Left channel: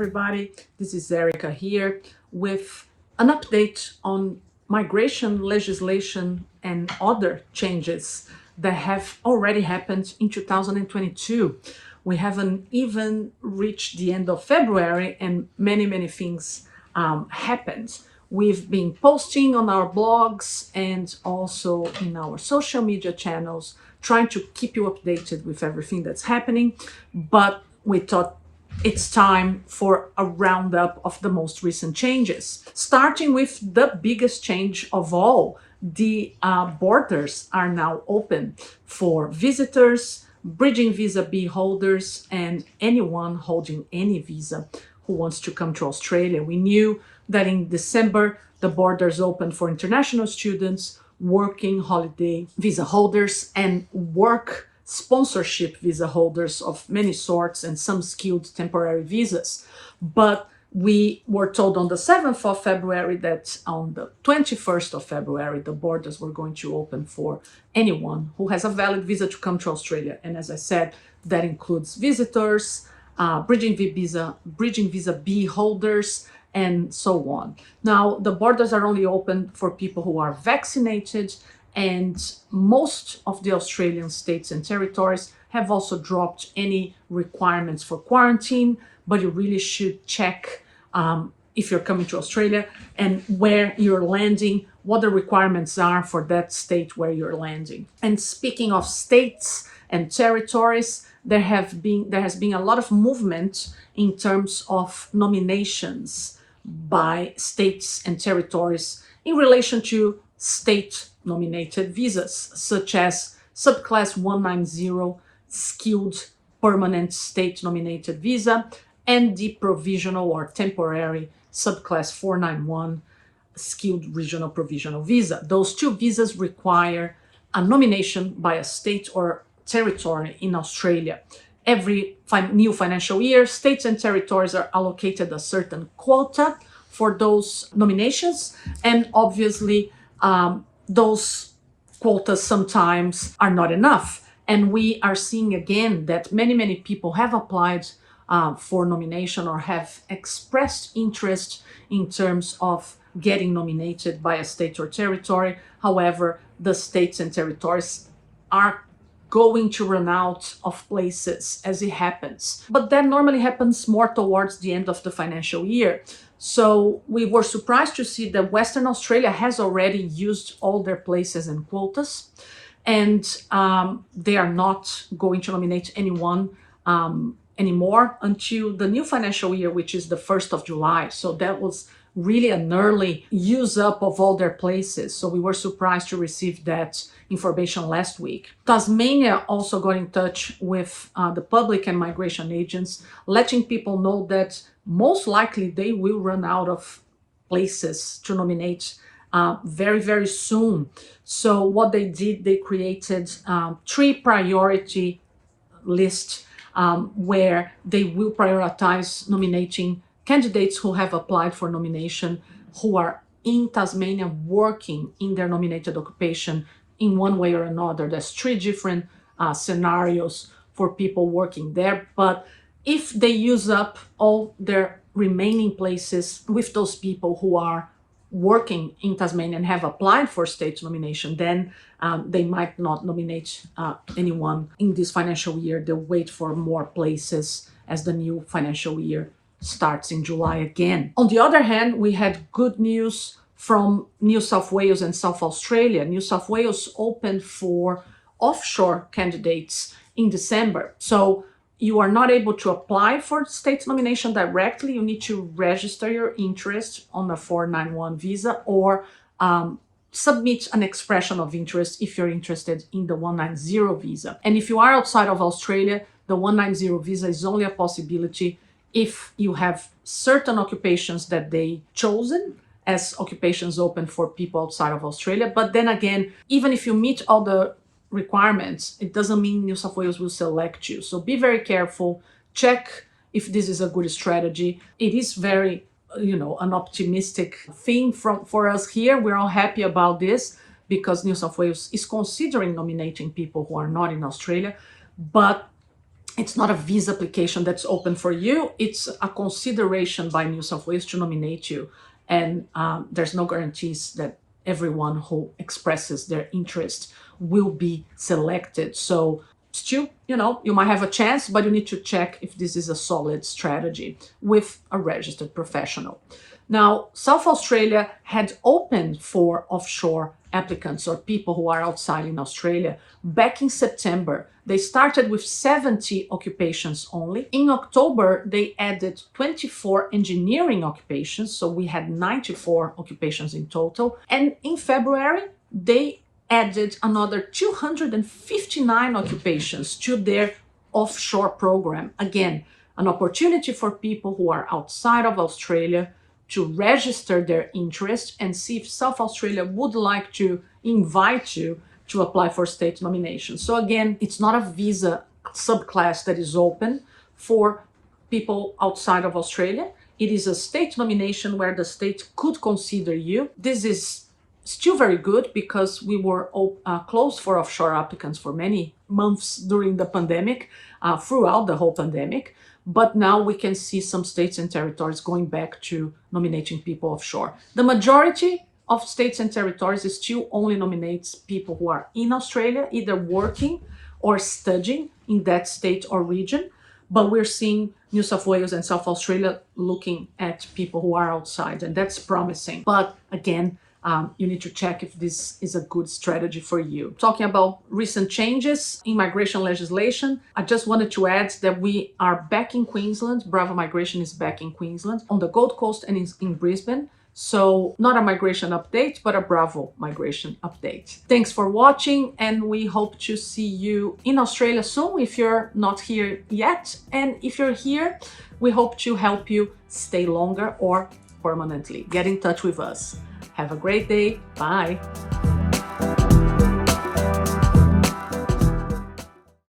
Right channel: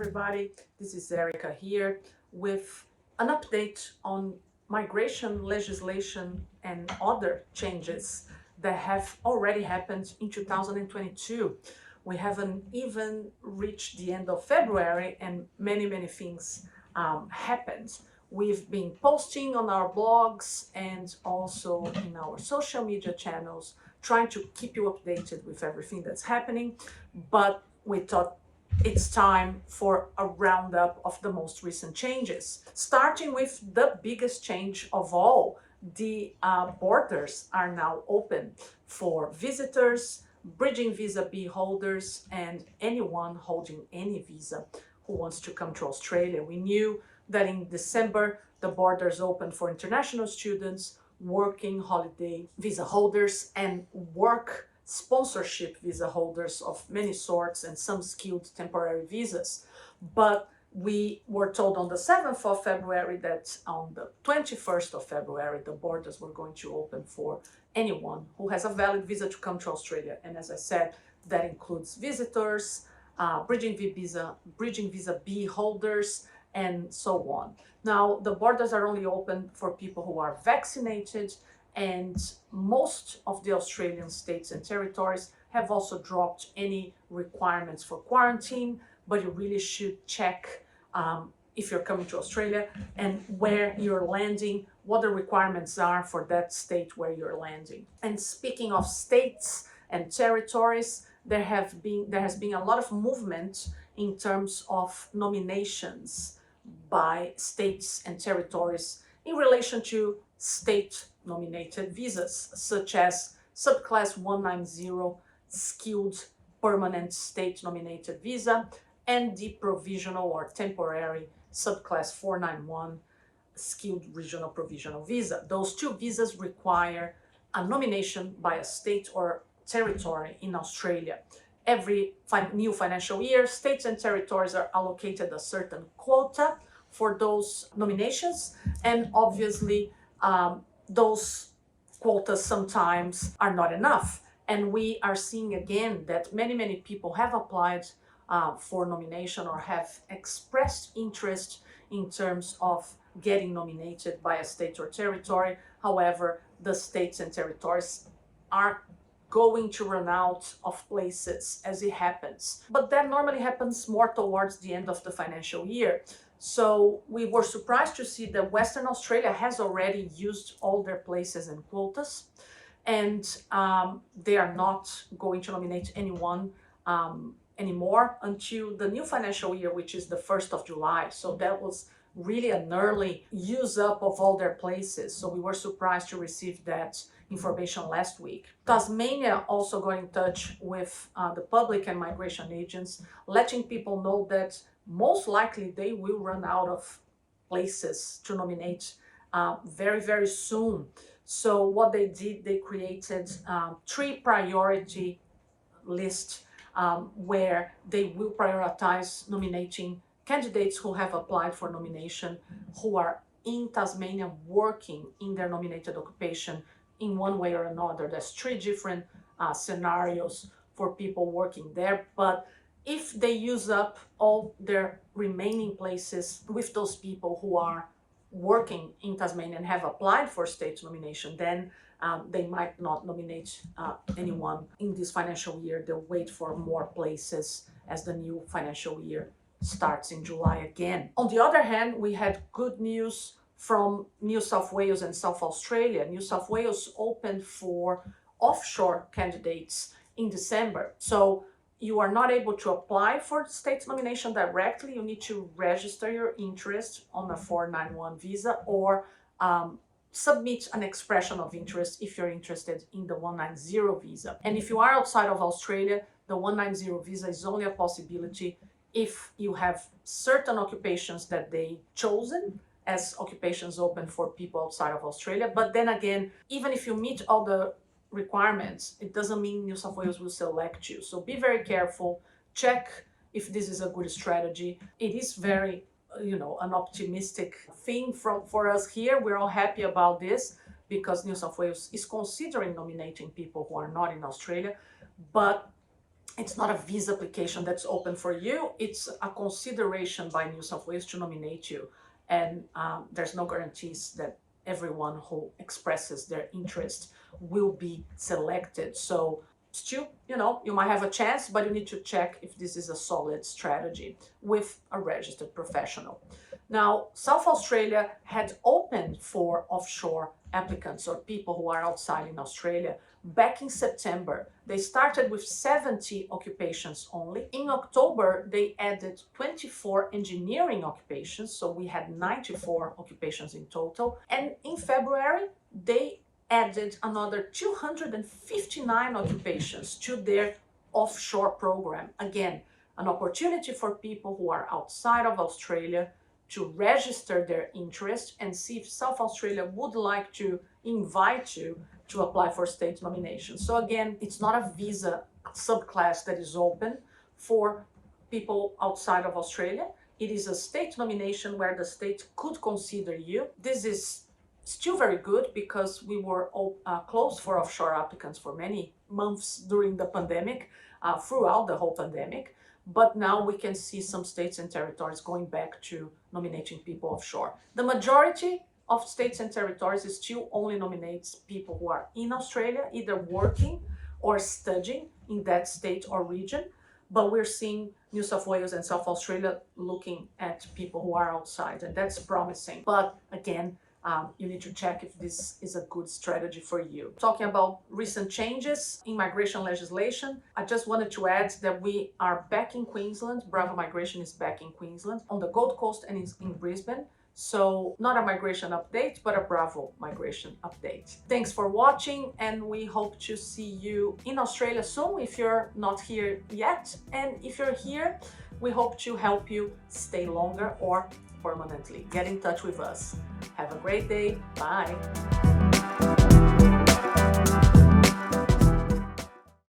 everybody. This is Erica here with an update on migration legislation and other changes that have already happened in 2022. We haven't even reached the end of February and many things happened. We've been posting on our blogs and also in our social media channels, trying to keep you updated with everything that's happening, but we thought it's time for a roundup of the most recent changes. Starting with the biggest change of all, the borders are now open for visitors, bridging visa B holders, and anyone holding any visa who wants to come to Australia. We knew that in December, the borders opened for international students, working holiday visa holders, and work sponsorship visa holders of many sorts and some skilled temporary visas. But we were told on the 7th of February that on the 21st of February, the borders were going to open for anyone who has a valid visa to come to Australia. And as I said, that includes visitors, bridging visa B holders, and so on. Now, the borders are only open for people who are vaccinated, and most of the Australian states and territories have also dropped any requirements for quarantine, but you really should check if you're coming to Australia and where you're landing, what the requirements are for that state where you're landing. And speaking of states and territories, there has been a lot of movement in terms of nominations by states and territories in relation to state nominated visas, such as subclass 190 skilled permanent state nominated visa and the provisional or temporary subclass 491 skilled regional provisional visa. Those two visas require a nomination by a state or territory in Australia. Every new financial year, states and territories are allocated a certain quota for those nominations, and obviously those quotas sometimes are not enough. And we are seeing again that many people have applied for nomination or have expressed interest in terms of getting nominated by a state or territory. However, the states and territories are going to run out of places as it happens. But that normally happens more towards the end of the financial year. So we were surprised to see that Western Australia has already used all their places and quotas, and they are not going to nominate anyone anymore until the new financial year, which is the 1st of July. So that was really an early use up of all their places. So we were surprised to receive that information last week. Tasmania also got in touch with the public and migration agents, letting people know that most likely they will run out of places to nominate very soon. So what they did, they created 3 priority lists where they will prioritize nominating candidates who have applied for nomination, who are in Tasmania working in their nominated occupation in one way or another. There's 3 different scenarios for people working there. But if they use up all their remaining places with those people who are working in Tasmania and have applied for state nomination, then they might not nominate anyone in this financial year. They'll wait for more places as the new financial year starts in July again. On the other hand, we had good news from New South Wales and South Australia. New South Wales opened for offshore candidates in December. So you are not able to apply for state nomination directly. You need to register your interest on a 491 visa or submit an expression of interest if you're interested in the 190 visa. And if you are outside of Australia, the 190 visa is only a possibility if you have certain occupations that they chosen as occupations open for people outside of Australia. But then again, even if you meet all the requirements, it doesn't mean New South Wales will select you. So be very careful, check if this is a good strategy. It is very, an optimistic thing for us here. We're all happy about this because New South Wales is considering nominating people who are not in Australia. But It's not a visa application that's open for you. It's a consideration by New South Wales to nominate you. And there's no guarantees that everyone who expresses their interest will be selected. So still, you might have a chance, but you need to check if this is a solid strategy with a registered professional. Now, South Australia had opened for offshore applicants or people who are outside in Australia back in September. They started with 70 occupations only. In October, they added 24 engineering occupations, so we had 94 occupations in total. And in February, they added another 259 occupations to their offshore program. Again, an opportunity for people who are outside of Australia to register their interest and see if South Australia would like to invite you to apply for state nomination. So again, it's not a visa subclass that is open for people outside of Australia. It is a state nomination where the state could consider you. This is still very good because we were closed for offshore applicants for many months during the pandemic, throughout the whole pandemic. But now we can see some states and territories going back to nominating people offshore. The majority of states and territories still only nominates people who are in Australia, either working or studying in that state or region. But we're seeing New South Wales and South Australia looking at people who are outside, and that's promising. But again, you need to check if this is a good strategy for you. Talking about recent changes in migration legislation, I just wanted to add that we are back in Queensland. Bravo Migration is back in Queensland, on the Gold Coast and in Brisbane. So not a migration update, but a Bravo migration update. Thanks for watching, and we hope to see you in Australia soon if you're not here yet. And if you're here, we hope to help you stay longer or permanently. Get in touch with us. Have a great day. Bye.